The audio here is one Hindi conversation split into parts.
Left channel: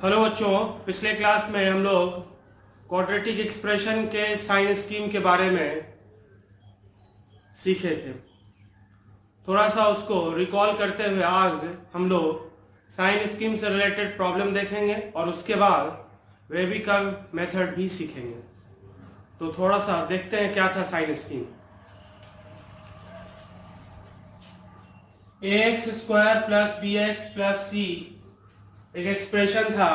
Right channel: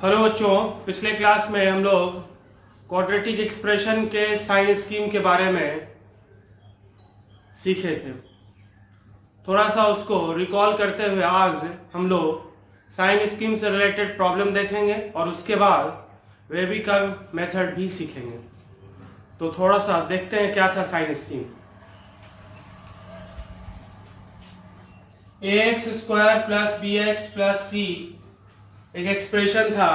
हेलो बच्चों, पिछले क्लास में हम लोग क्वाड्रेटिक एक्सप्रेशन के साइन स्कीम के बारे में सीखे थे। थोड़ा सा उसको रिकॉल करते हुए आज हम लोग साइन स्कीम से रिलेटेड प्रॉब्लम देखेंगे और उसके बाद वेबिकल मेथड भी सीखेंगे। तो थोड़ा सा देखते हैं क्या था sign scheme. ax square plus B X plus C एक एक्सप्रेशन था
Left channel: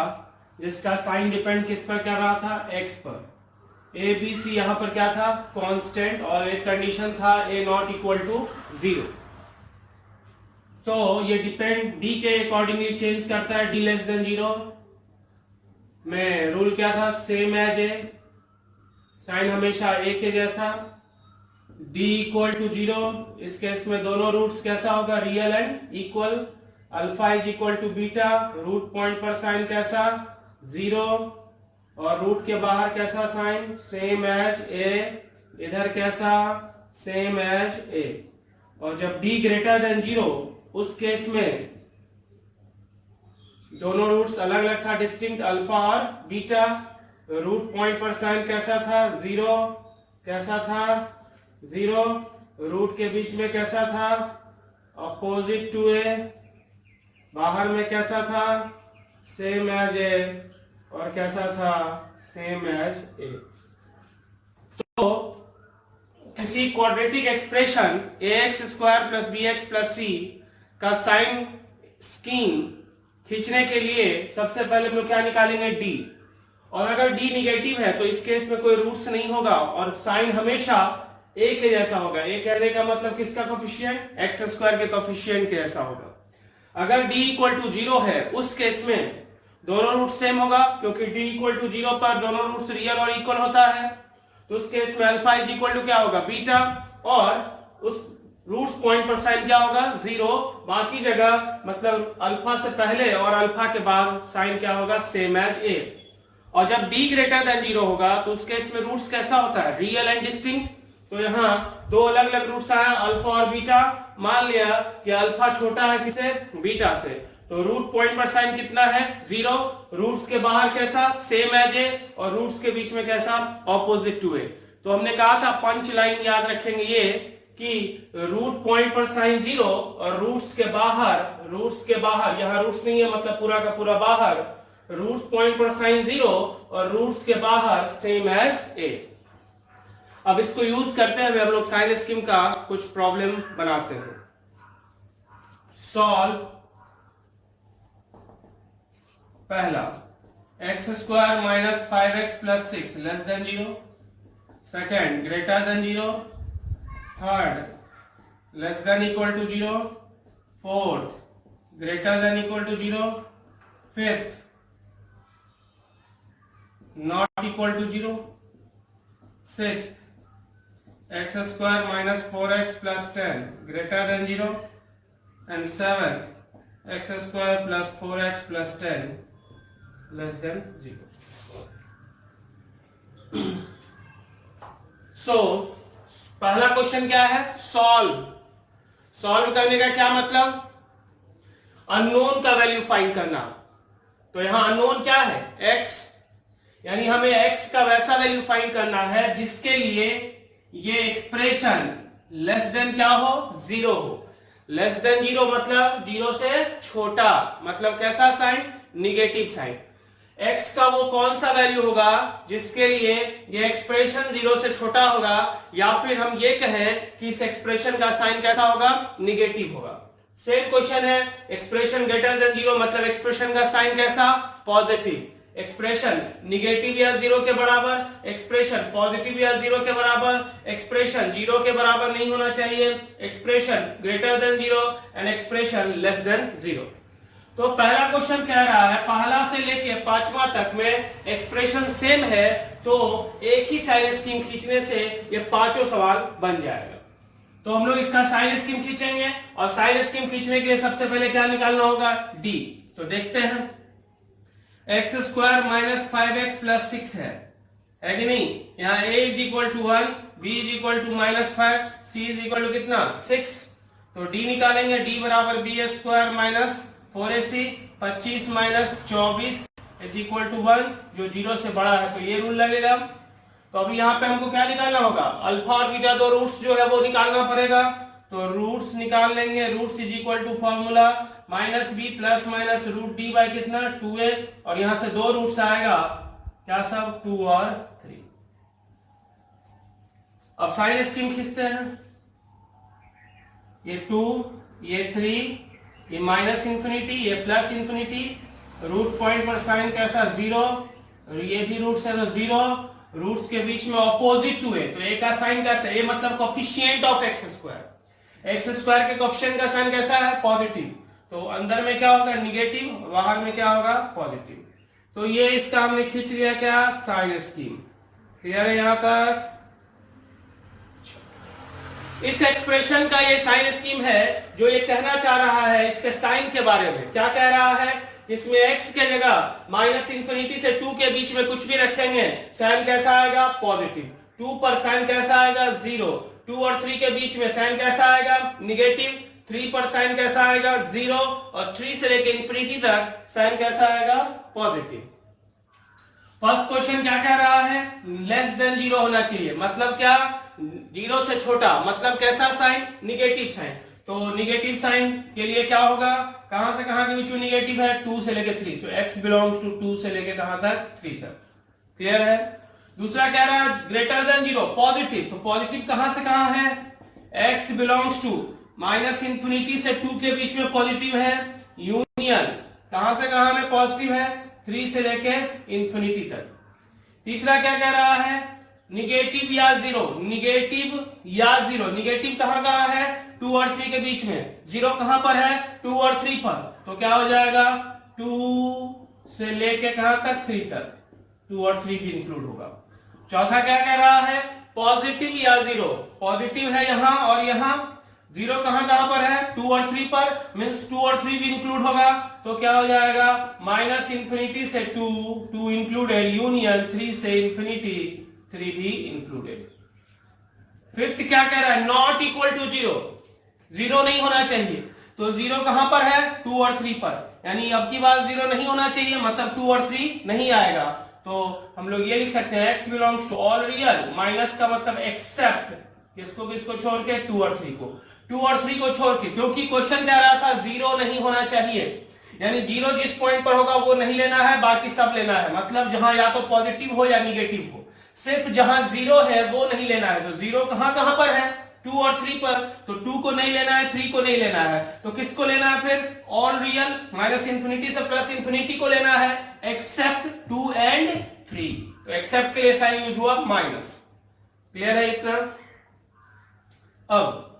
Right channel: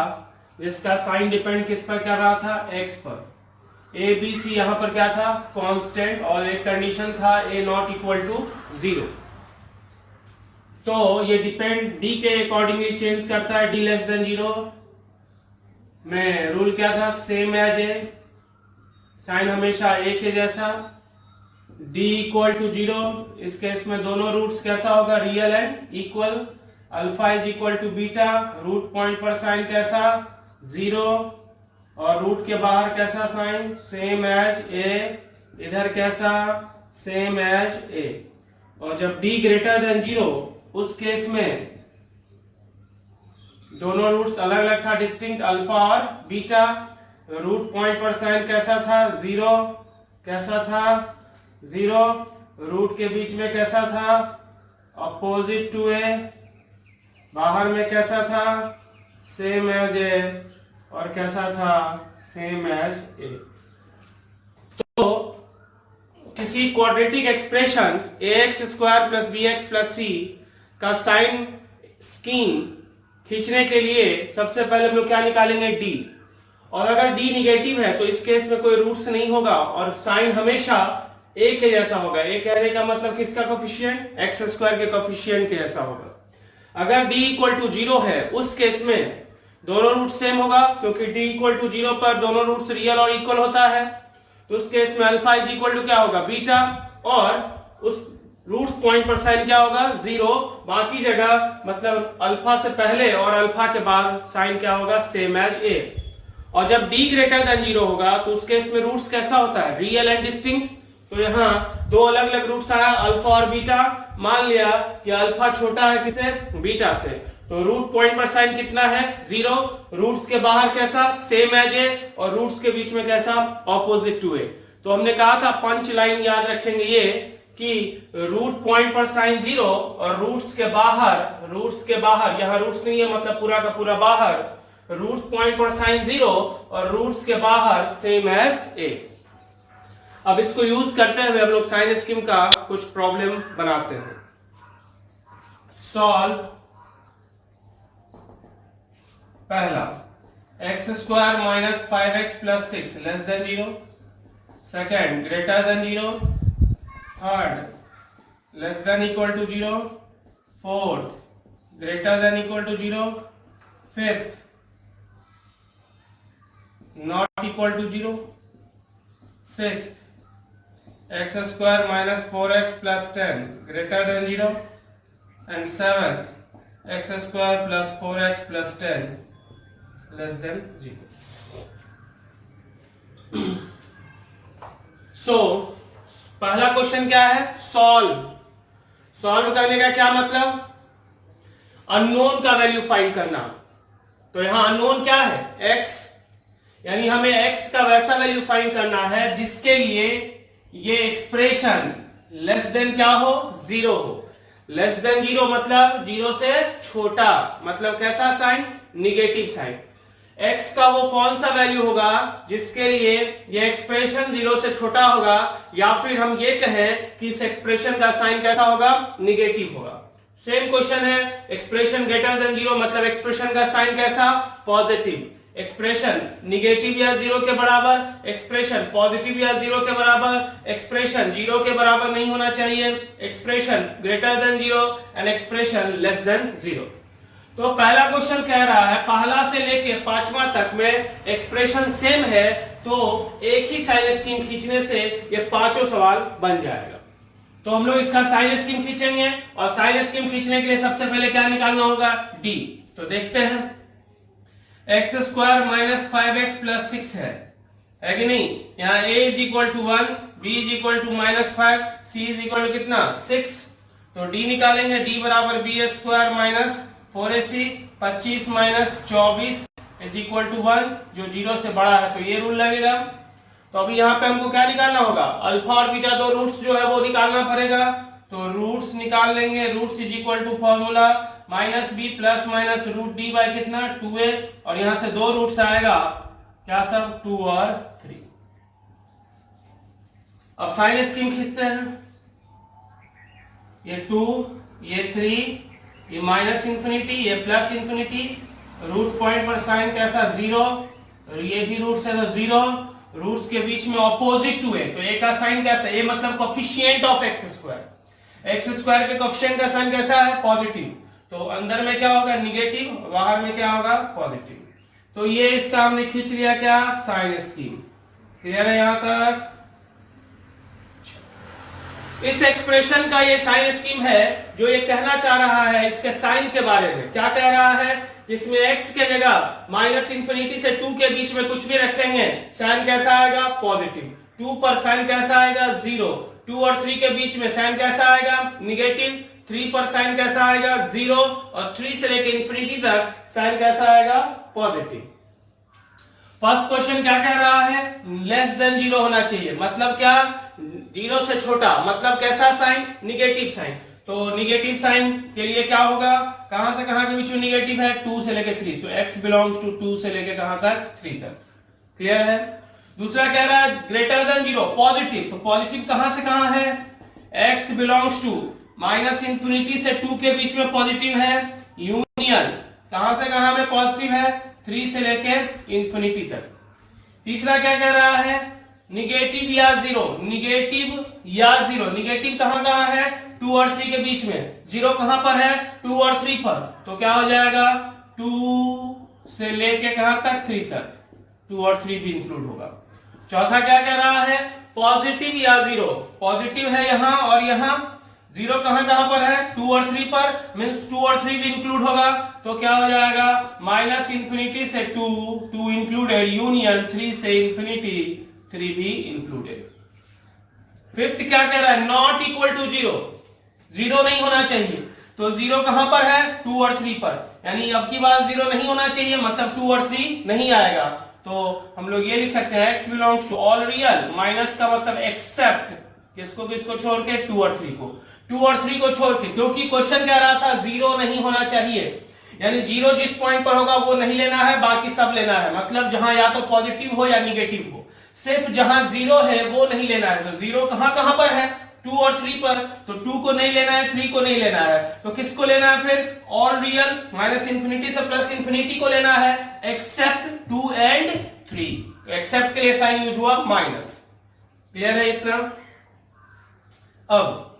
जिसका साइन डिपेंड किस पर कर रहा था, x पर। ए बी सी यहां पर क्या था, कांस्टेंट, और एक कंडीशन था a नॉट इक्वल टू 0। तो ये डिपेंड d के अकॉर्डिंगली चेंज करता है, d लेस देन 0 में रूल क्या था, सेम एज ए, साइन हमेशा a के जैसा, d इक्वल टू 0। इस केस में दोनों रूट्स कैसा होगा, real and equal. Alpha is equal to beta, root point पर साइन कैसा, 0, और रूट के बाहर कैसा साइन, सेम एज ए, इधर कैसा, सेम एज ए। और जब d ग्रेटर देन 0 उस केस में दोनों रूट्स अलग अलग था, डिस्टिंक्ट, अल्फा और बीटा। रूट पॉइंट पर साइन कैसा था, 0, कैसा था, 0। रूट के बीच में कैसा था, अपोजिट टू ए, बाहर में कैसा था, सेम एज ए, और कैसा था, सेम एज ए। तो किसी quadratic expression ax square plus B X plus C का साइन स्कीम खींचने के लिए सबसे पहले हम लोग क्या निकालेंगे, d। और अगर d निगेटिव है तो इस केस में कोई रूट्स नहीं होगा और साइन हमेशा a के जैसा होगा। a कहने का मतलब किसका कोफिशिएंट, x स्क्वायर के कोफिशिएंट के जैसा होगा। अगर d इक्वल टू 0 है उस केस में दोनों रूट सेम होगा, क्योंकि d इक्वल टू 0 पर दोनों रूट्स रियल और इक्वल होता है। तो उस केस में अल्फा इज इक्वल टू क्या होगा, बीटा, और उस रूट्स पॉइंट पर साइन क्या होगा, 0। बाकी जगह मतलब अल्फा से पहले और अल्फा के बाद साइन क्या होगा, सेम एज ए। और जब d ग्रेटर देन 0 होगा तो उस केस में रूट्स कैसा होता है, रियल एंड डिस्टिंक्ट। तो यहाँ दो अलग अलग रूट्स आया, अल्फा और बीटा। मान लिया कि अल्फा छोटा है किसे, बीटा से, तो रूट पॉइंट पर साइन कितना है, 0। रूट्स के बाहर कैसा, सेम एज ए, और रूट्स के बीच में कैसा, ऑपोजिट टू ए। तो हमने कहा था पंच लाइन याद रखेंगे ये कि रूट पॉइंट पर साइन 0 और रूट्स के बाहर यहां रूट्स नहीं है मतलब पूरा का पूरा बाहर, रूट्स पॉइंट पर साइन 0 और रूट्स के बाहर सेम एज ए। अब इसको यूज करते हुए हम लोग साइन स्कीम का कुछ प्रॉब्लम बनाते हैं। सॉल्व पहला, x square minus 5x plus 6 less than 0। Second, greater than 0। Third, less than equal to 0। Fourth, greater than equal to 0। Fifth, not equal to 0। Sixth, x square minus 4x plus 10 greater than 0, and 7 x square plus 4x plus 10 less than 0. So पहला क्वेश्चन क्या है, सॉल्व करने का क्या मतलब, अननोन का वैल्यू फाइंड करना। तो यहां अननोन क्या है, x, यानी हमें x का वैसा वैल्यू फाइंड करना है जिसके लिए ये एक्सप्रेशन लेस देन क्या हो, 0 हो। लेस देन 0 मतलब 0 से छोटा, मतलब कैसा साइन, निगेटिव साइन। x का वो कौन सा वैल्यू होगा जिसके लिए ये एक्सप्रेशन 0 से छोटा होगा, या फिर हम ये कहें कि इस एक्सप्रेशन का साइन कैसा होगा, निगेटिव होगा। सेम क्वेश्चन है, एक्सप्रेशन ग्रेटर देन 0 मतलब एक्सप्रेशन का साइन कैसा, पॉजिटिव। एक्सप्रेशन निगेटिव या 0 के बराबर, एक्सप्रेशन पॉजिटिव या 0 के बराबर, एक्सप्रेशन 0 के बराबर नहीं होना चाहिए, expression greater than 0 and expression less than 0। तो पहला क्वेश्चन कह रहा है पहला से लेके पांचवा तक में एक्सप्रेशन सेम है, तो एक ही साइन स्कीम खींचने से ये पांचों सवाल बन जाएगा। तो हम लोग इसका साइन स्कीम खींचेंगे, और साइन स्कीम खींचने के लिए सबसे पहले क्या निकालना होगा, d। तो देखते हैं, x square minus 5x plus 6 है कि नहीं। यहाँ a is equal to 1, b is equal to minus 5, c is equal to कितना, 6। तो डी निकालेंगे, डी बराबर बी स्क्वायर माइनस 4ac, 25 माइनस 24 इज इक्वल टू 1, जो 0 से बड़ा है तो ये रूल लगेगा। तो अभी यहाँ पे हमको क्या निकालना होगा, अल्फा और बीटा दो रूट्स जो है वो निकालना पड़ेगा। तो रूट्स निकाल लेंगे, roots is equal to formula minus b plus minus root d by कितना 2a, और यहां से दो रूट्स आएगा क्या सब 2 और 3। अब साइन स्कीम खींचते हैं, ये 2 ये 3 ये माइनस इंफिनिटी ये प्लस इंफिनिटी, रूट पॉइंट पर साइन कैसा 0, ये भी रूट्स है तो 0, रूट्स के बीच में ऑपोजिट टू है तो ए का साइन कैसा, ए मतलब coefficient of x square, x square के कोफिशिएंट का साइन कैसा है पॉजिटिव, तो अंदर में क्या होगा नेगेटिव, बाहर में क्या होगा पॉजिटिव। तो ये इसका हमने खींच लिया क्या साइन स्कीम। क्लियर है यहां तक। इस एक्सप्रेशन का ये साइन स्कीम है जो ये कहना चाह रहा है इसके साइन के बारे में। क्या कह रहा है, इसमें x के जगह माइनस इंफिनिटी से 2 के बीच में कुछ भी रखेंगे साइन कैसा आएगा पॉजिटिव, 2 पर साइन कैसा आएगा 0, 2 और 3 के बीच में साइन कैसा आएगा नेगेटिव, 3 पर साइन कैसा आएगा 0, और 3 से लेकर इंफिनिटी तक साइन कैसा आएगा पॉजिटिव। फर्स्ट क्वेश्चन क्या कह रहा है, लेस देन 0 होना चाहिए, मतलब क्या 0 से छोटा, मतलब कैसा साइन नेगेटिव साइन। तो नेगेटिव साइन के लिए क्या होगा, कहां से कहां के बीच में नेगेटिव है 2 से लेकर 3, सो x बिलोंग्स टू 2 से लेकर कहां तक 3 तक। क्लियर है। दूसरा कह रहा है ग्रेटर देन 0 पॉजिटिव, तो पॉजिटिव कहां से कहां है, x belongs to minus infinity से 2 के बीच में पॉजिटिव है, यूनियन कहां से कहां में पॉजिटिव है 3 से लेकर इंफिनिटी तक। तीसरा क्या कह रहा है, निगेटिव या 0, निगेटिव या 0, निगेटिव कहां कहां है 2 और 3 के बीच में, 0 कहां पर है 2 और 3 पर, तो क्या हो जाएगा 2 से लेके कहां तक 3 तक, 2 और 3 भी इंक्लूड होगा। चौथा क्या कह रहा है, पॉजिटिव या 0, पॉजिटिव है यहां और यहां, 0 कहां कहां पर है 2 और 3 पर, मींस 2 और 3 भी इंक्लूड होगा, तो क्या हो जाएगा माइनस इंफिनिटी से 2 इंक्लूड है, यूनियन 3 से इंफिनिटी 3 भी इंक्लूडेड। फिफ्थ क्या कह रहा है, नॉट इक्वल टू 0, 0 नहीं होना चाहिए, तो 0 कहां पर है 2 और 3 पर, यानी अब की बात 0 नहीं होना चाहिए, मतलब 2 और 3 नहीं आएगा। तो हम लोग ये लिख सकते हैं x belongs to all real, minus का मतलब एक्सेप्ट किसको किसको छोड़ के 2 और 3 को, 2 और 3 को छोड़ के, क्योंकि क्वेश्चन कह रहा था 0 नहीं होना चाहिए, यानी 0 जिस पॉइंट पर होगा वो नहीं लेना है, बाकी सब लेना है, मतलब जहां या तो पॉजिटिव हो या निगेटिव हो, सिर्फ जहां 0 है वो नहीं लेना है। तो 0 कहां कहां पर है 2 और 3 पर, तो 2 को नहीं लेना है 3 को नहीं लेना है, तो किसको लेना है फिर ऑल रियल, माइनस इंफिनिटी से प्लस इंफिनिटी को लेना है, एक्सेप्ट 2 एंड 3, तो एक्सेप्ट के लिए साइन यूज हुआ माइनस। क्लियर है इतना। अब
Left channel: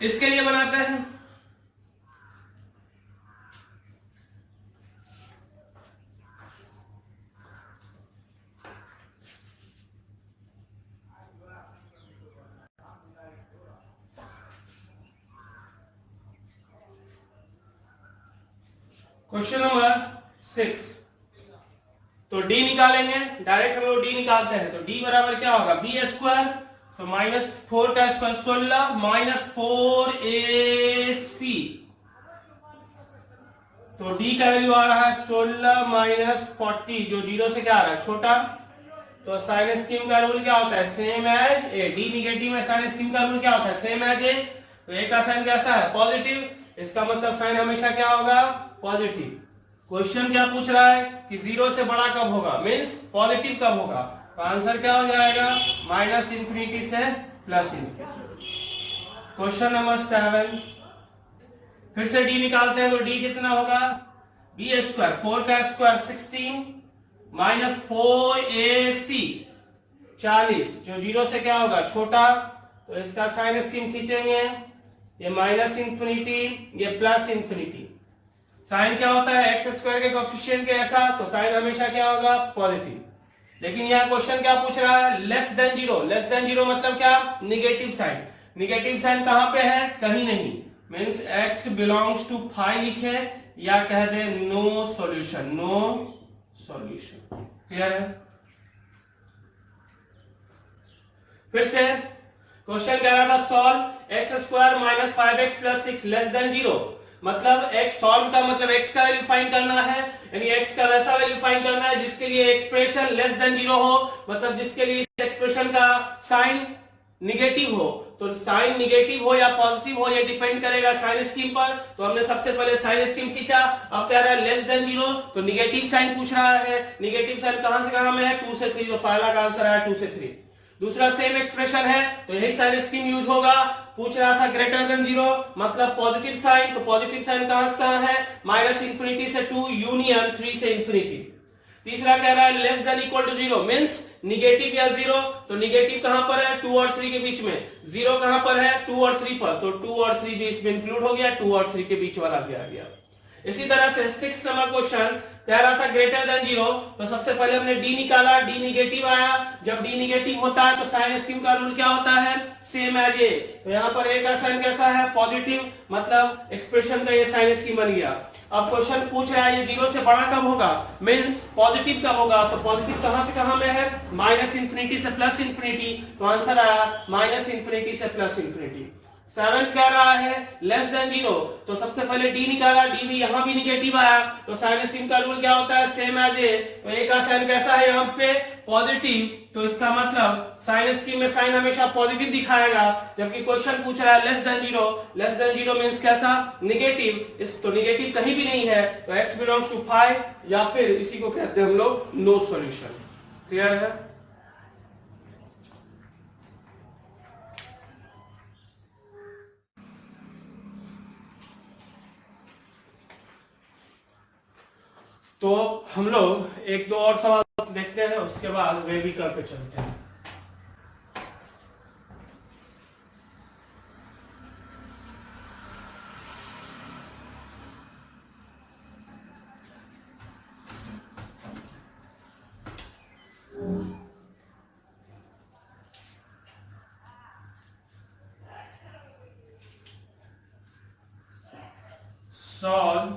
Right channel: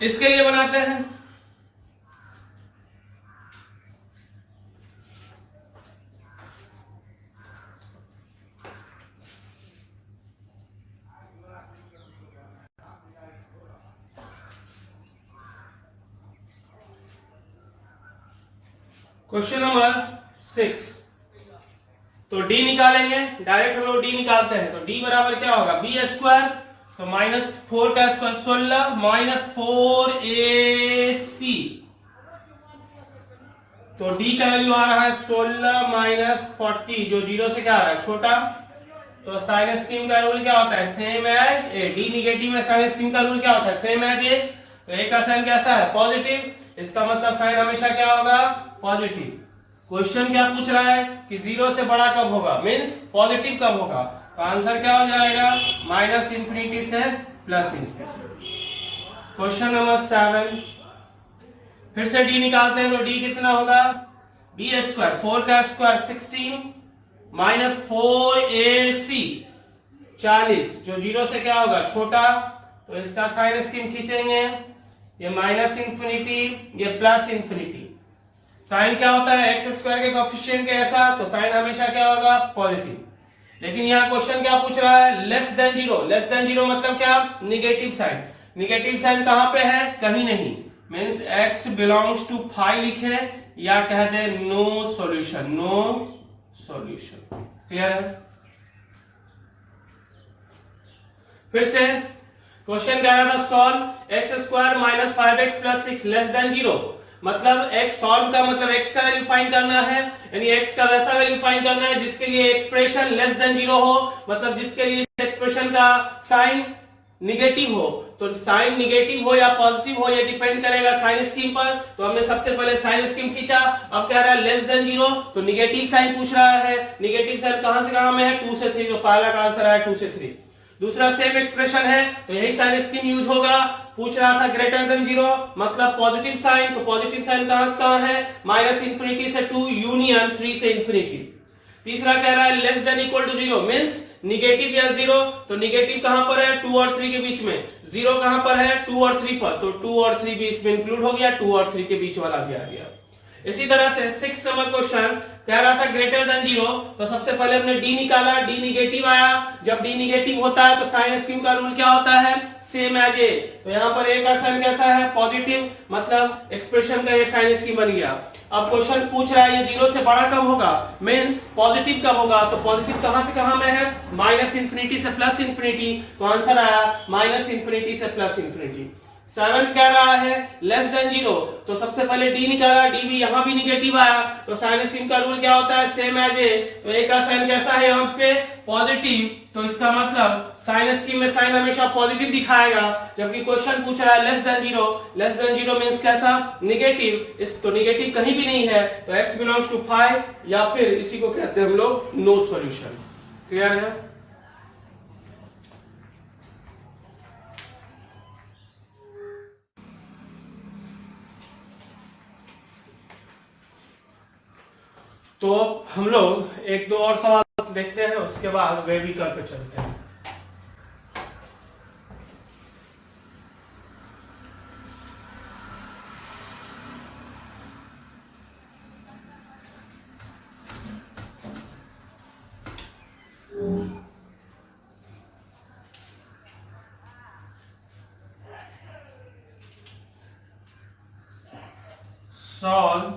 इसके लिए बनाते हैं, क्वेश्चन नंबर 6। तो d निकालेंगे, डायरेक्ट हम लोग d निकालते हैं, तो d बराबर क्या होगा बी स्क्वायर, तो माइनस 4 का स्क्वायर 16 माइनस 4ac, तो d का वैल्यू आ रहा है 16 माइनस 40, जो 0 से क्या आ रहा है छोटा, तो साइन स्कीम का रूल क्या होता है same as a, d negative में साइन स्कीम का रूल क्या होता है सेम एज ए, तो a का साइन कैसा है पॉजिटिव, इसका मतलब साइन हमेशा क्या होगा पॉजिटिव। क्वेश्चन क्या पूछ रहा है कि 0 से बड़ा कब होगा, मींस पॉजिटिव कब होगा, तो आंसर क्या हो जाएगा माइनस इंफिनिटी से प्लस इंफिनिटी। क्वेश्चन नंबर 7, फिर से d निकालते हैं, तो d कितना होगा बी स्क्वायर, 4 का स्क्वायर 16 माइनस 4ac 40, जो 0 से क्या होगा छोटा, तो इसका साइन स्कीम खींचेंगे, ये माइनस इंफिनिटी ये प्लस इंफिनिटी, साइन क्या होता है एक्स स्क्वायर के कोएफिशिएंट के ऐसा, तो साइन हमेशा क्या होगा पॉजिटिव। लेकिन यहाँ क्वेश्चन क्या पूछ रहा है लेस देन 0, लेस देन 0 मतलब क्या निगेटिव साइन, निगेटिव साइन कहां पे है कहीं नहीं, means x belongs to phi लिखे या कह दे no solution, no solution. Clear है। फिर से क्वेश्चन कह रहा था solve x square minus 5x plus 6 less than 0। मतलब x सॉल्व का मतलब x का वैल्यू फाइंड करना है, यानी x का वैसा वैल्यू फाइंड करना है जिसके लिए एक्सप्रेशन लेस देन 0 हो, मतलब जिसके लिए इस एक्सप्रेशन का साइन निगेटिव हो। तो साइन निगेटिव हो या पॉजिटिव हो ये डिपेंड करेगा साइन स्कीम पर। तो हमने सबसे पहले साइन स्कीम खींचा, अब कह रहा है लेस देन 0, तो निगेटिव साइन पूछ रहा है। निगेटिव साइन कहां से कहां में है, 2 से 3, तो पहला का आंसर है 2 से 3। दूसरा सेम एक्सप्रेशन है तो यही साइन स्कीम यूज होगा। पूछ रहा था ग्रेटर देन 0 मतलब पॉजिटिव साइन, तो पॉजिटिव साइन कहां से कहां है, माइनस इंफिनिटी से 2 यूनियन 3 से इंफिनिटी। तीसरा कह रहा है less than equal to 0 means negative या 0, तो निगेटिव कहां पर है, 2 और 3 के बीच में। 0 कहां पर है, 2 और 3 पर, तो 2 और 3 भी इसमें इंक्लूड हो गया, 2 और 3 के बीच वाला भी आ गया। इसी तरह से 6 नंबर क्वेश्चन कह रहा था ग्रेटर देन 0, तो सबसे पहले हमने डी निकाला, डी निगेटिव आया। जब डी निगेटिव होता है तो साइन स्कीम का रूल क्या होता है, सेम एज ए। तो यहां पर ए का साइन कैसा है, पॉजिटिव, मतलब एक्सप्रेशन का ये साइन स्कीम बन गया। अब क्वेश्चन पूछ रहा है ये 0 से बड़ा कब होगा, मींस पॉजिटिव कब होगा, तो पॉजिटिव कहां से कहां में है, माइनस इंफिनिटी से प्लस इंफिनिटी, तो आंसर आया माइनस इंफिनिटी से प्लस इंफिनिटी। 7 कह रहा है लेस देन 0, तो सबसे पहले डी निकाला, डी भी यहां भी निगेटिव आया, तो साइन स्कीम का रूल क्या होता है, सेम एज ए। तो ए का साइन कैसा है यहाँ पे, पॉजिटिव, तो इसका मतलब साइन स्कीम में साइन हमेशा पॉजिटिव दिखाएगा। जबकि क्वेश्चन पूछ रहा है less than 0, less than 0 means कैसा, निगेटिव। इस तो निगेटिव कहीं भी नहीं है, तो x बिलोंग्स टू 5 या फिर इसी को कहते हैं हम लोग नो सॉल्यूशन। क्लियर है। तो हम लोग एक दो और सवाल देखते हैं, उसके बाद वेविकल पे चलते हैं। सॉल्व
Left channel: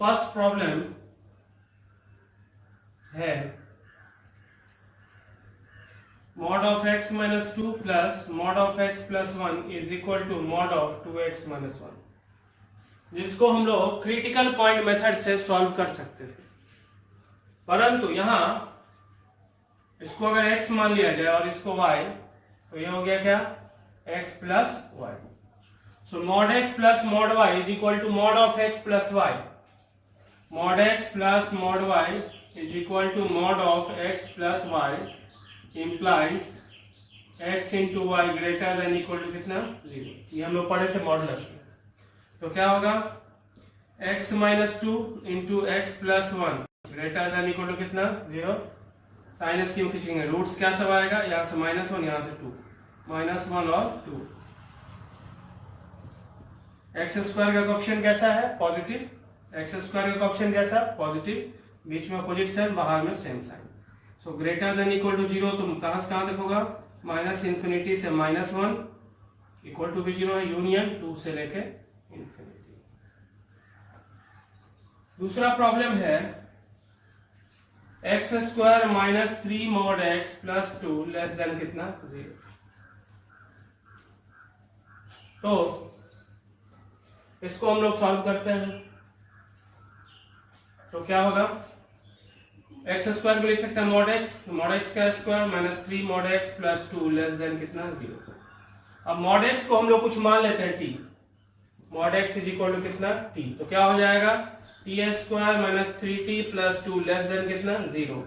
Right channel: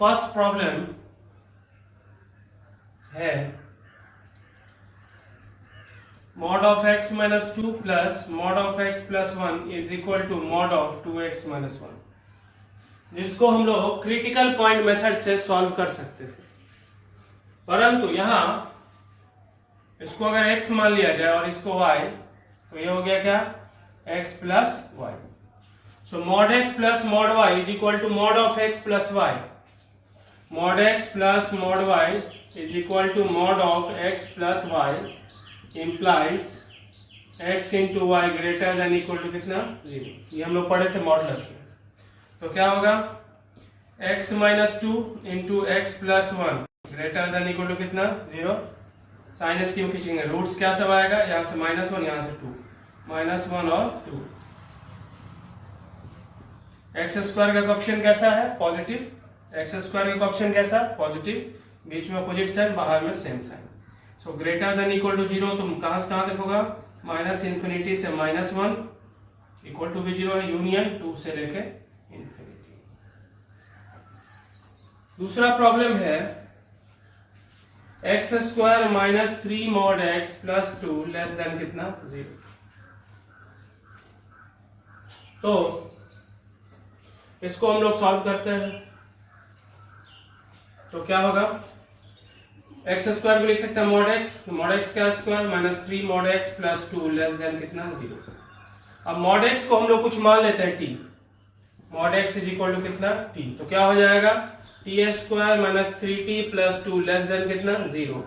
फर्स्ट प्रॉब्लम है mod of x minus 2 plus mod of x plus 1 is equal to mod of 2x minus 1, जिसको हम लोग क्रिटिकल पॉइंट मेथड से सॉल्व कर सकते थे। परंतु यहां इसको अगर x मान लिया जाए और इसको y, तो ये हो गया क्या, x plus y. So mod x plus mod y is equal to mod of x plus y. Mod x plus mod y is equal to mod of x plus y implies x into y greater than equal to कितना, 0। ये हम लोग पढ़े थे मॉडुलस में। तो क्या होगा, x minus 2 into x plus 1 greater than equal to कितना, 0। साइन स्कीम खींचेंगे, रूट्स क्या सब आएगा, यहाँ से -1 यहाँ से 2, -1 और 2। एक्स स्क्वायर का कोएफिशिएंट कैसा है, पॉजिटिव। एक्स स्क्वायर का कोएफिशिएंट कैसा, पॉजिटिव, बीच में अपोजिट साइन, बाहर में same sign. So greater than equal to 0, तो कहां से कहां तक होगा, माइनस इंफिनिटी से -1, इक्वल टू भी 0 है, यूनियन 2 से लेके इंफिनिटी। दूसरा प्रॉब्लम है x square minus 3 mod x plus 2 less than कितना, 0। तो इसको हम लोग सॉल्व करते हैं। तो क्या होगा, एक्स स्क्वायर को लिख सकते हैं मॉड एक्स का square minus 3 mod x plus 2 less than कितना, 0। अब मॉड एक्स को हम लोग कुछ मान लेते हैं t, mod x is equal to कितना, t। तो क्या हो जाएगा, t square minus 3t plus 2 less than कितना, 0।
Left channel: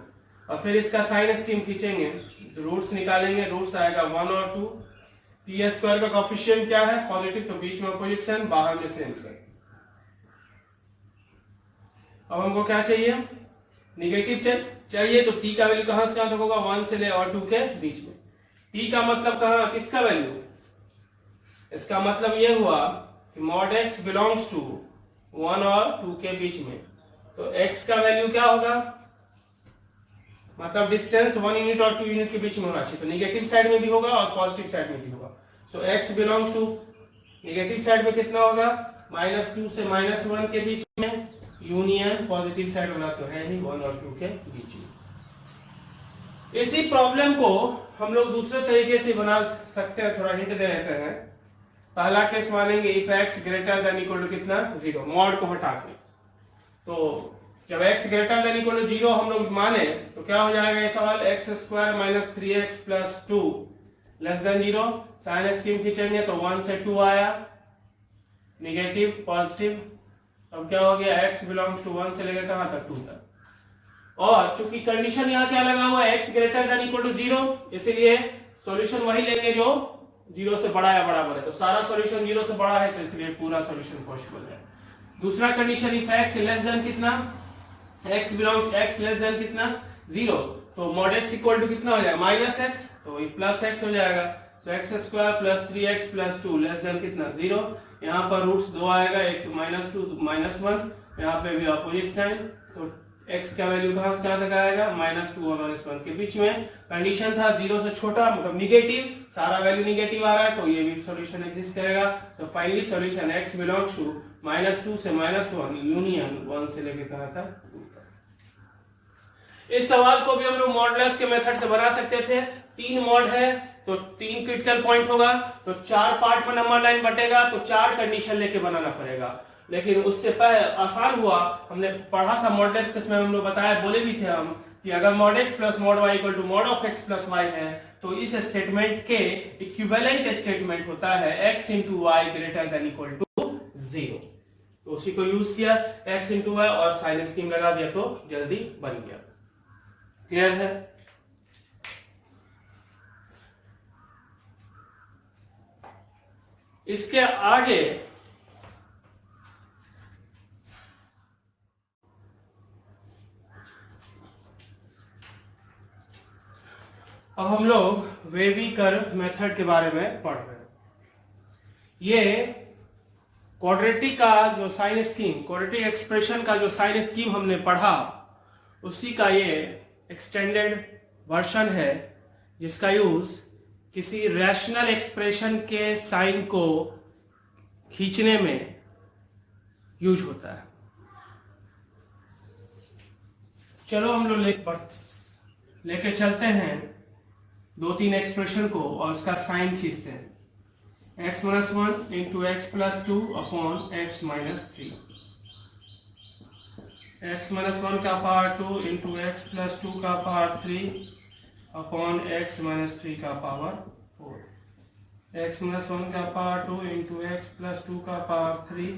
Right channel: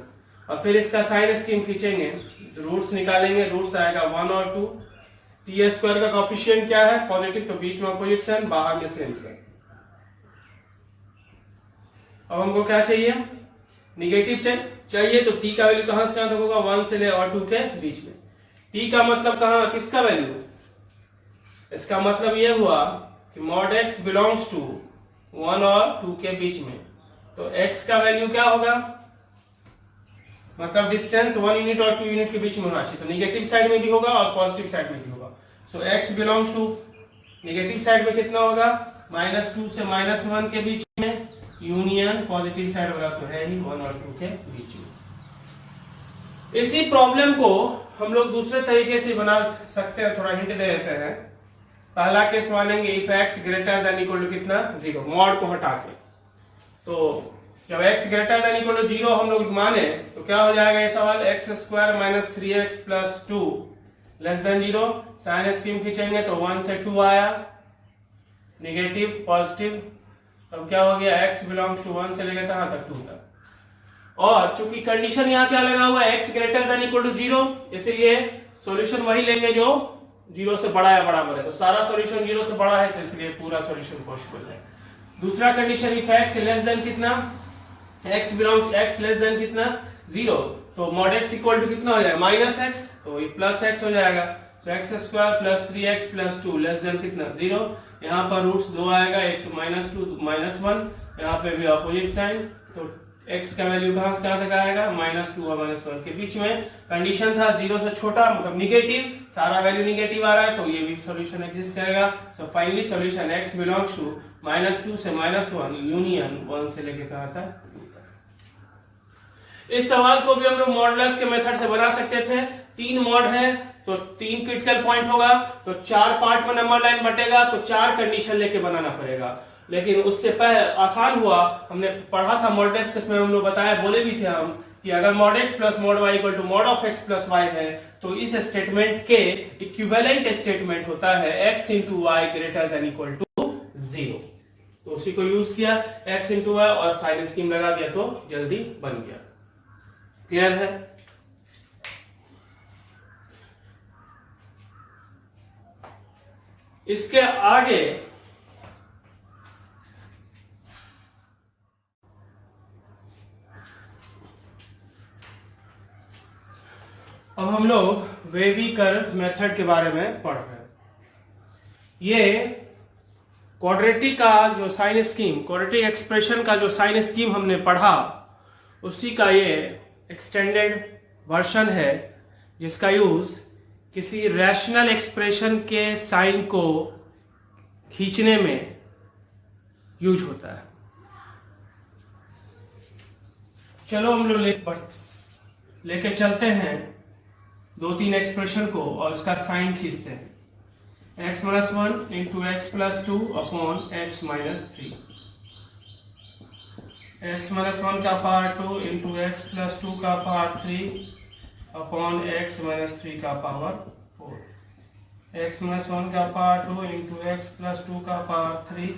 और फिर इसका साइन स्कीम खींचेंगे, रूट्स निकालेंगे, रूट्स आएगा 1 और 2। टी स्क्वायर का कोएफिशिएंट क्या है, पॉजिटिव, तो बीच में अपोजिट साइन, बाहर में सेम साइन। अब हमको क्या चाहिए, निगेटिव चाहिए, तो t का वैल्यू कहां से कहां तक होगा, 1 से ले और 2 के बीच में। t का मतलब कहां, किसका वैल्यू, इसका मतलब ये हुआ कि मॉड x बिलोंग्स टू 1 और 2 के बीच में, तो x का वैल्यू क्या होगा, मतलब डिस्टेंस 1 यूनिट और 2 यूनिट के बीच में होना चाहिए, तो नेगेटिव साइड में भी होगा और पॉजिटिव साइड में भी होगा। So x belongs to negative side में कितना होगा, -2 से -1 के बीच में, यूनियन पॉजिटिव साइड होगा तो है ही 1 और 2 के बीच में। इसी प्रॉब्लम को हम लोग दूसरे तरीके से बना सकते हैं, थोड़ा हिंट दे देते हैं। पहला केस मानेंगे if x greater than equal to कितना 0, मॉड को हटा के। तो जब x greater than equal to 0 हम लोग माने तो क्या हो जाएगा ये सवाल, x² - 3x + 2 less than 0। Sign scheme खींचेंगे तो 1 से 2 आया, नेगेटिव पॉजिटिव, अब क्या हो गया, x बिलोंग्स टू 1 से लेकर कहां तक 2 तक। और चूंकि कंडीशन यहाँ क्या लगा हुआ है, x greater than equal to 0, इसलिए सॉल्यूशन वही लेंगे जो 0 से बड़ा या बराबर है, तो सारा सॉल्यूशन 0 से बड़ा है तो इसलिए पूरा सॉल्यूशन पॉसिबल है। दूसरा condition if x less than कितना, x belongs x less than कितना 0, तो मॉड x इक्वल टू कितना हो जाएगा -x, तो ये +x हो जाएगा। सो x² + 3x + 2 लेस देन कितना 0, यहाँ पर रूट्स 2 आएगा, एक -2 -1, यहाँ पे भी अपोजिट साइन, तो x का वैल्यू कहां से कहां तक आएगा, -2 और -1 के बीच में। कंडीशन था 0 से छोटा मतलब निगेटिव, सारा वैल्यू निगेटिव आ रहा है तो ये भी सॉल्यूशन एग्जिस्ट करेगा। So finally solution x belongs to -2 से -1 यूनियन 1 से लेके कहां तक 2 तक। इस सवाल को भी हम लोग मॉडलेस के मेथड से बना सकते थे। 3 मॉड है तो 3 क्रिटिकल पॉइंट होगा, तो 4 पार्ट में नंबर लाइन बटेगा, तो 4 कंडीशन लेके बनाना पड़ेगा। लेकिन उससे पहले आसान हुआ, हमने पढ़ा था मॉडलेस केस में, हम लोग बताया, बोले भी थे हम कि अगर mod x + mod y = mod of x + y है तो इस स्टेटमेंट के इक्विवेलेंट स्टेटमेंट होता है x * y > 0, तो उसी को यूज किया x * y और साइन स्कीम लगा दिया तो जल्दी बन गया। क्लियर है? इसके आगे अब हम लोग वेवी कर्व मेथड के बारे में पढ़ रहे हैं। ये क्वाड्रेटिक का जो साइन स्कीम, क्वाड्रेटिक एक्सप्रेशन का जो साइन स्कीम हमने पढ़ा, उसी का ये एक्सटेंडेड वर्जन है, जिसका यूज किसी रैशनल एक्सप्रेशन के साइन को खींचने में यूज होता है। चलो हम लोग लेके चलते हैं 2-3 एक्सप्रेशन को और उसका साइन खींचते हैं। x - 1 × x + 2 upon x - 3, x - 1 का पावर 2 × x + 2 का पावर 3 अपॉन x - 3 का पावर 4, x - 1 का पावर 2 × x + 2 का पावर 3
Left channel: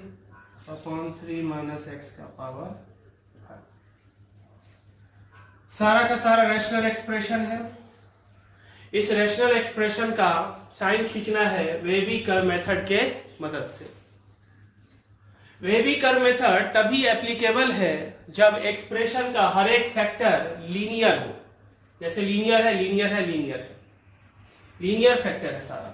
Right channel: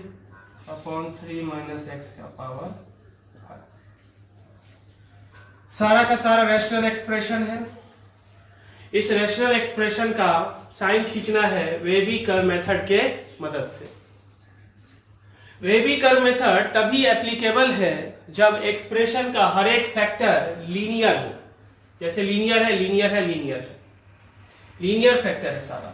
अपॉन 3 - x का पावर 5। सारा का सारा रैशनल एक्सप्रेशन है। इस रैशनल एक्सप्रेशन का साइन खींचना है वेवी कर्व मेथड के मदद से। वेवी कर्व मेथड तभी एप्लीकेबल है जब एक्सप्रेशन का हर एक फैक्टर लीनियर हो। जैसे लीनियर है, लीनियर है, लीनियर है, लीनियर फैक्टर है सारा।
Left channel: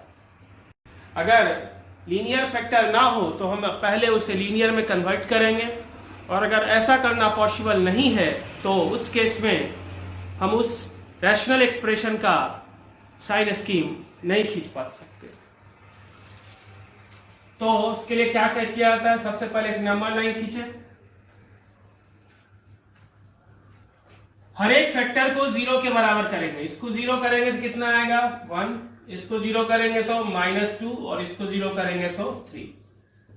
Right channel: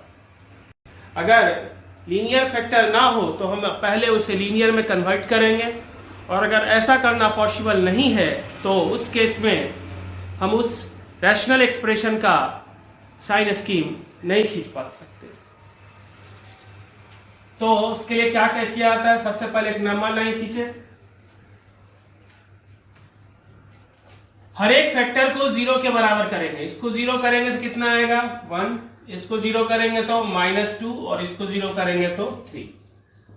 अगर लीनियर फैक्टर ना हो तो हम पहले उसे लीनियर में कन्वर्ट करेंगे, और अगर ऐसा करना पॉसिबल नहीं है तो उस केस में हम उस रैशनल एक्सप्रेशन का साइन स्कीम नहीं खींच पा सकते। तो उसके लिए क्या किया जाता है, सबसे पहले एक नंबर लाइन खींचे, हर एक फैक्टर को 0 के बराबर करेंगे। इसको 0 करेंगे तो कितना आएगा 1, इसको 0 करेंगे तो -2 और इसको 0 करेंगे तो 3।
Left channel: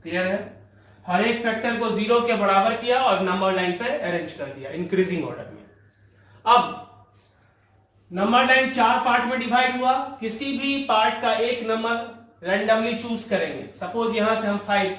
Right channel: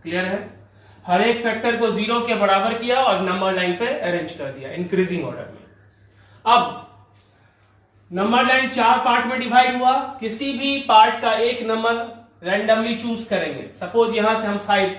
क्लियर है? हर एक फैक्टर को 0 के बराबर किया और नंबर लाइन पे अरेंज कर दिया इंक्रीजिंग ऑर्डर में। अब नंबर लाइन 4 पार्ट में डिवाइड हुआ, किसी भी पार्ट का एक नंबर रैंडमली चूज करेंगे। सपोज यहां से हम 5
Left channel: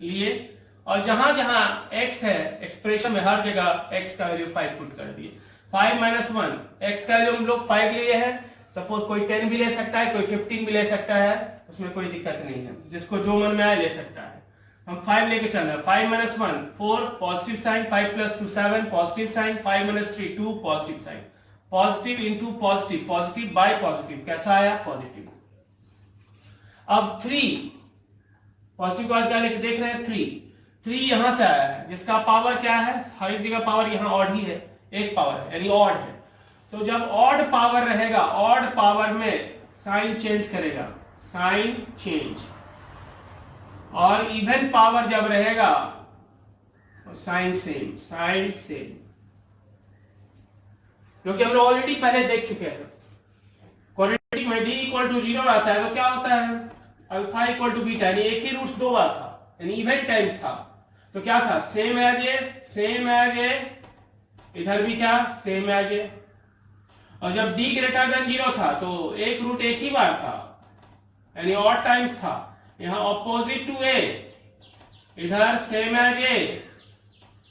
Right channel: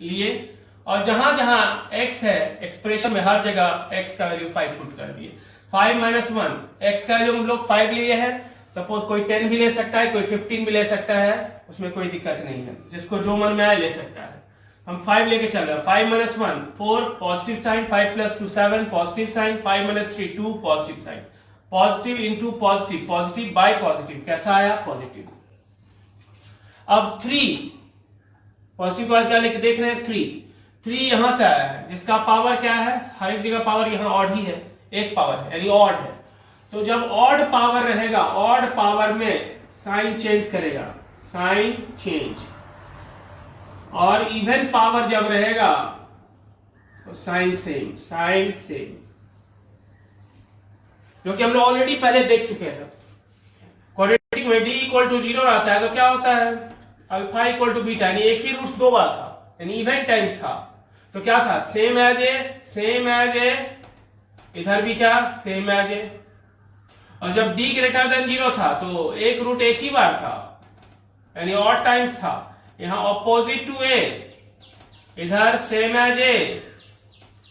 लिए और जहां जहां x है एक्सप्रेशन में हर जगह x का वैल्यू 5 पुट कर दिए। 5 - 1 x का वैल्यू हम लोग 5 लिए हैं। सपोज कोई 10 भी ले सकता है, कोई 15 भी ले सकता है, उसमें कोई दिक्कत नहीं है, जिसको जो मन में आए ले सकता है। हम 5 लेके चल रहे हैं। 5 - 1 4 positive sign, 5 + 2 7 positive sign, 5 - 3 2 positive sign, positive into positive, positive by positive, कैसा आया पॉजिटिव। अब 3 पॉजिटिव पावर क्या लिख देख रहे हैं 3 यहां से आया है जिसका पावर क्या है, हर एक जगह पावर यहां ऑड ही है, एक पावर है यानी ऑड है। तो जब ऑड पावर रहेगा, ऑड पावर में साइन चेंज करेगा, साइन चेंज, और इवन पावर जब रहेगा तो साइन सेम, साइन सेम, जो कि हम लोग ऑलरेडी पहले देख चुके हैं। क्वाड्रेटिक में d इक्वल टू 0 रहता है तो क्या होता है, अल्फा इक्वल टू बीटा, यानी एक ही रूट्स दो बार था, यानी इवन टाइम्स था। तो क्या था, same as a, same as a, इधर भी क्या सेम एज ए। और जब d ग्रेटर देन 0 था तो एक रूट एक ही बार था, यानी ऑड टाइम्स था। यहां ऑपोजिट टू ए, इधर सेम एज ए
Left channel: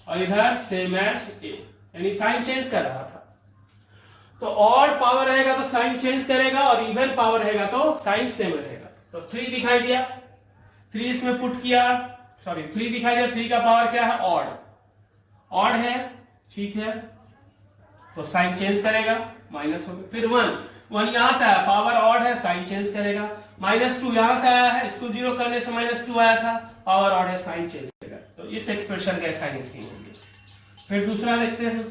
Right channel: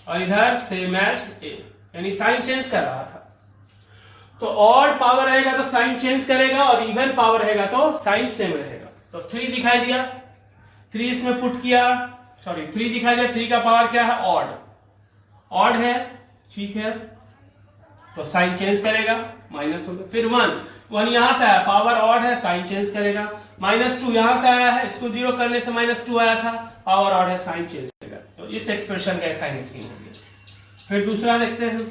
और इधर सेम एज ए, यानी साइन चेंज कर रहा था। तो ऑड पावर रहेगा तो साइन चेंज करेगा और इवन पावर रहेगा तो साइन सेम रहेगा। तो 3 दिखाई दिया, 3 इसमें पुट किया, सॉरी 3 दिखाई दिया, 3 का पावर क्या है ऑड, ऑड है, ठीक है, तो साइन चेंज करेगा, माइनस हो गया। फिर 1 यहां से आया, पावर ऑड है, साइन चेंज करेगा। -2 यहां से आया है, इसको 0 करने से -2 आया था, पावर ऑड है, साइन चेंज करेगा। तो इस एक्सप्रेशन का साइन स्कीम होगी। फिर दूसरा देखते हैं,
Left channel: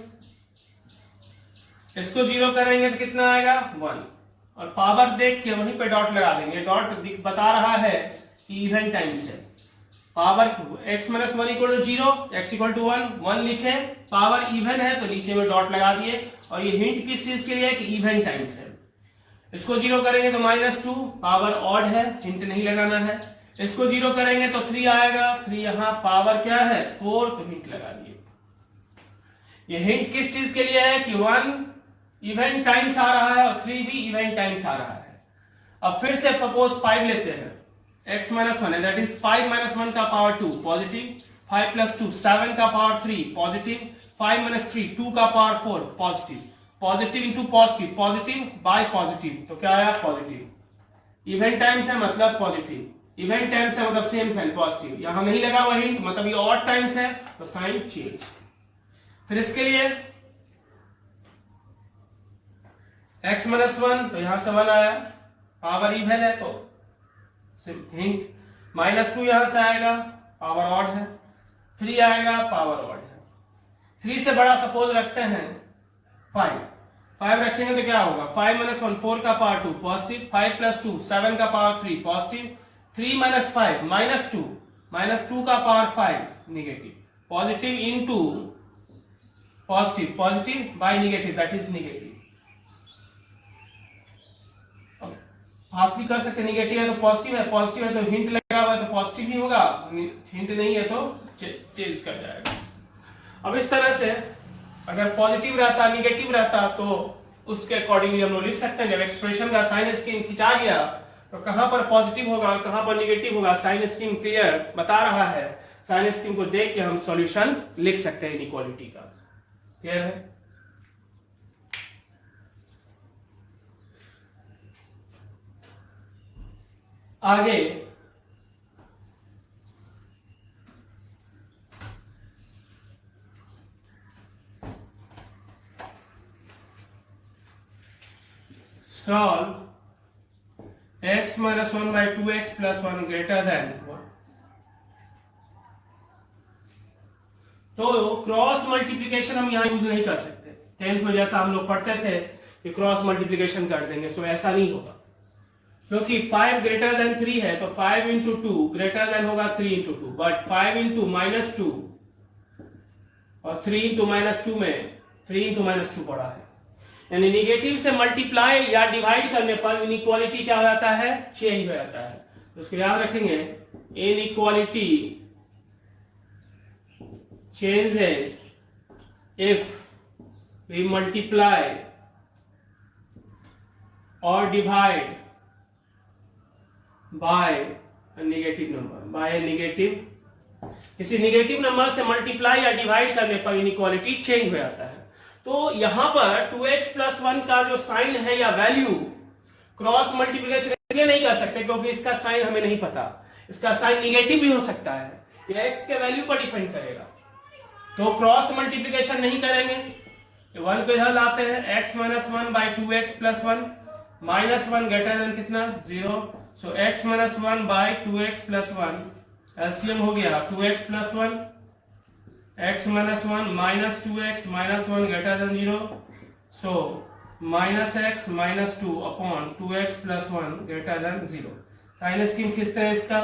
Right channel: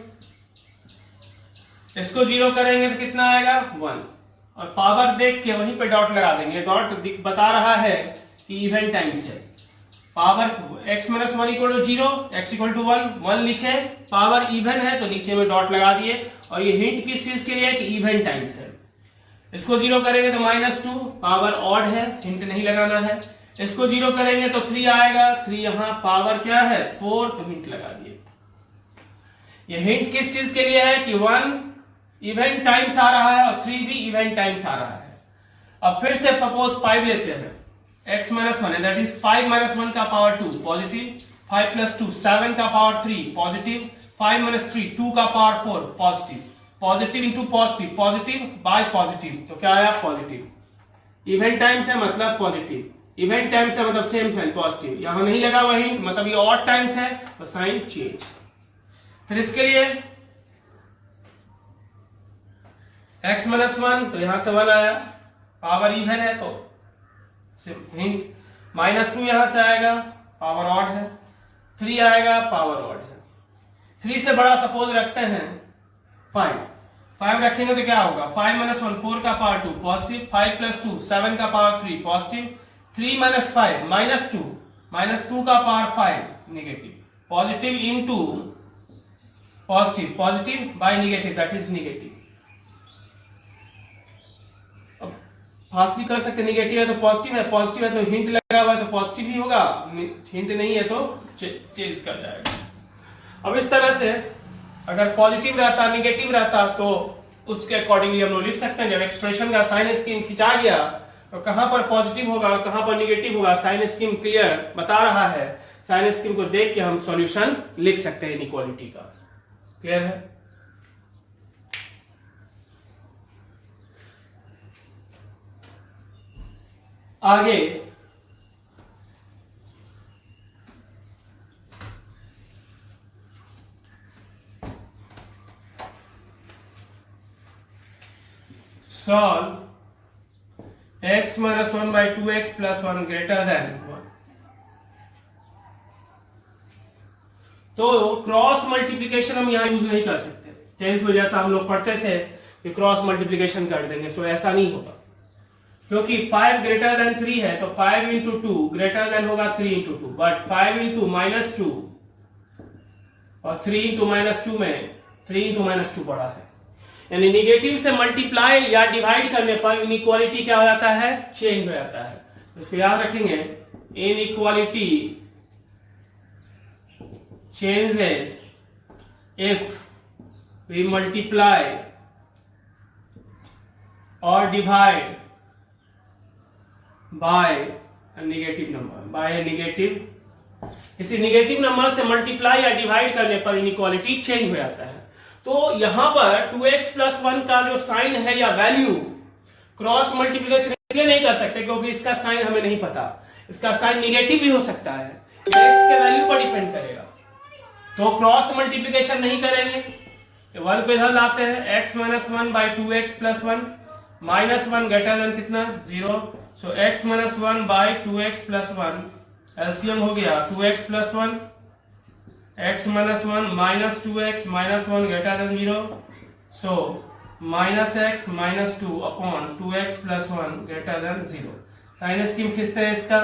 इसको 0 करेंगे तो कितना आएगा 1, और पावर देख के वहीं पे डॉट लगा देंगे। डॉट बता रहा है कि इवन टाइम्स है। पावर x - 1 = 0, x = 1 लिखे, पावर इवन है तो नीचे में डॉट लगा दिए। और ये हिंट किस चीज के लिए है कि इवन टाइम्स है। इसको 0 करेंगे तो -2, पावर ऑड है, हिंट नहीं लगाना है। इसको 0 करेंगे तो 3 आएगा, 3 यहां पावर क्या है 4, तो हिंट लगा दिए। ये हिंट किस चीज के लिए है कि 1 इवन टाइम्स आ रहा है और 3 भी इवन टाइम्स आ रहा है। अब फिर से सपोज 5 लेते हैं, x - 1 है, दैट इज 5 - 1 का पावर 2 पॉजिटिव, 5 + 2 7 का पावर 3 पॉजिटिव, 5 - 3 2 का power 4 positive, positive into positive, positive by positive, तो क्या आया पॉजिटिव। इवन टाइम्स है मतलब पॉजिटिव, इवन टाइम्स है मतलब सेम साइन पॉजिटिव, यहां नहीं लगा हुआ हिंट, मतलब ये ऑड टाइम्स है तो साइन चेंज। फिर इसके लिए x - 1 तो यहां से 1 आया, पावर इवन है तो हिंट, -2 यहां से आएगा, पावर ऑड है, 3 आएगा, पावर ऑड है। 3 से बड़ा सपोज रखते हैं 5 रखेंगे तो क्या होगा, 5 - 1 4 का पावर 2 पॉजिटिव, 5 + 2 7 का पावर 3 पॉजिटिव, 3 - 5 -2 का power 5 negative, positive into positive, positive by negative that is negative. Fast भी कर सकते, नेगेटिव है तो पॉजिटिव है, पॉजिटिव है तो हिंट लगा हुआ है तो पॉजिटिव ही होगा, हिंट नहीं है तो चेंज कर जाएगा। अब इस तरह से अगर पॉजिटिव रहता, नेगेटिव रहता तो उसके अकॉर्डिंगली हम लोग लिख सकते हैं। जब एक्सप्रेशन का साइन स्कीम खिंचा गया तो कहां पर पॉजिटिव होगा और कहां पर नेगेटिव होगा, साइन स्कीम क्लियर बता रहा है। साइन स्कीम को देख के हम सॉल्यूशन लिख सकते हैं इनइक्वालिटी का। क्लियर है? आगे solve x - 1/2x + 1 greater than 1। तो क्रॉस मल्टीप्लिकेशन हम यहां यूज नहीं कर सकते। 10th में जैसा हम लोग पढ़ते थे कि क्रॉस मल्टीप्लिकेशन कर देंगे, सो ऐसा नहीं होगा क्योंकि 5 greater than 3 है तो 5 × 2 greater than होगा 3 × 2, बट 5 × -2 और 3 × -2 में 3 × -2 बड़ा है, यानी निगेटिव से मल्टीप्लाई या डिवाइड करने पर इनइक्वालिटी क्या हो जाता है, चेंज हो जाता है। तो इसको याद रखेंगे, inequality changes if we multiply और divide by negative number, by negative, किसी नेगेटिव नंबर से मल्टीप्लाई या डिवाइड करने पर इनइक्वालिटी चेंज हो जाता है। तो यहां पर 2x + 1 का जो साइन है या वैल्यू क्रॉस मल्टीप्लिकेशन इसलिए नहीं कर सकते क्योंकि इसका साइन हमें नहीं पता, इसका साइन नेगेटिव भी हो सकता है, x के वैल्यू पर डिपेंड करेगा। तो क्रॉस मल्टीप्लिकेशन नहीं करेंगे, 1 को इधर लाते हैं, x - 1/2x + 1 -1 ग्रेटर देन कितना 0, so x - 1 by 2x + 1, LCM हो गया 2x + 1, x - 1 -2x -1 greater than 0, so -x - 2 upon 2x + 1 greater than 0। Sign scheme खींचते हैं इसका,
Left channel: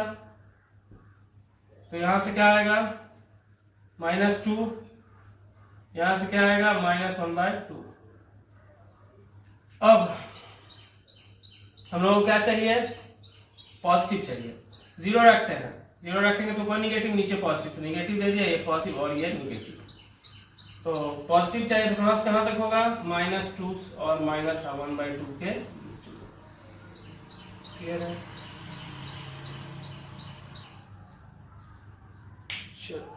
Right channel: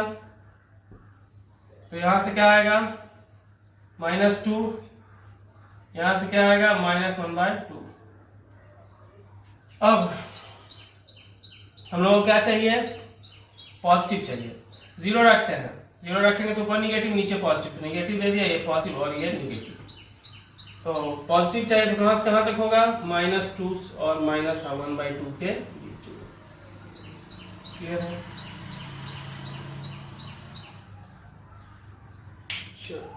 तो यहां से क्या आएगा -2, यहां से क्या आएगा -1/2। अब हम लोगों को क्या चाहिए, पॉजिटिव चाहिए, 0 रखते हैं, 0 रखेंगे तो ऊपर निगेटिव नीचे पॉजिटिव, तो निगेटिव दे दिया, ये पॉजिटिव और ये निगेटिव, तो पॉजिटिव चाहिए तो कहां से कहां तक होगा -2 और -1/2 के बीच। क्लियर है? चलो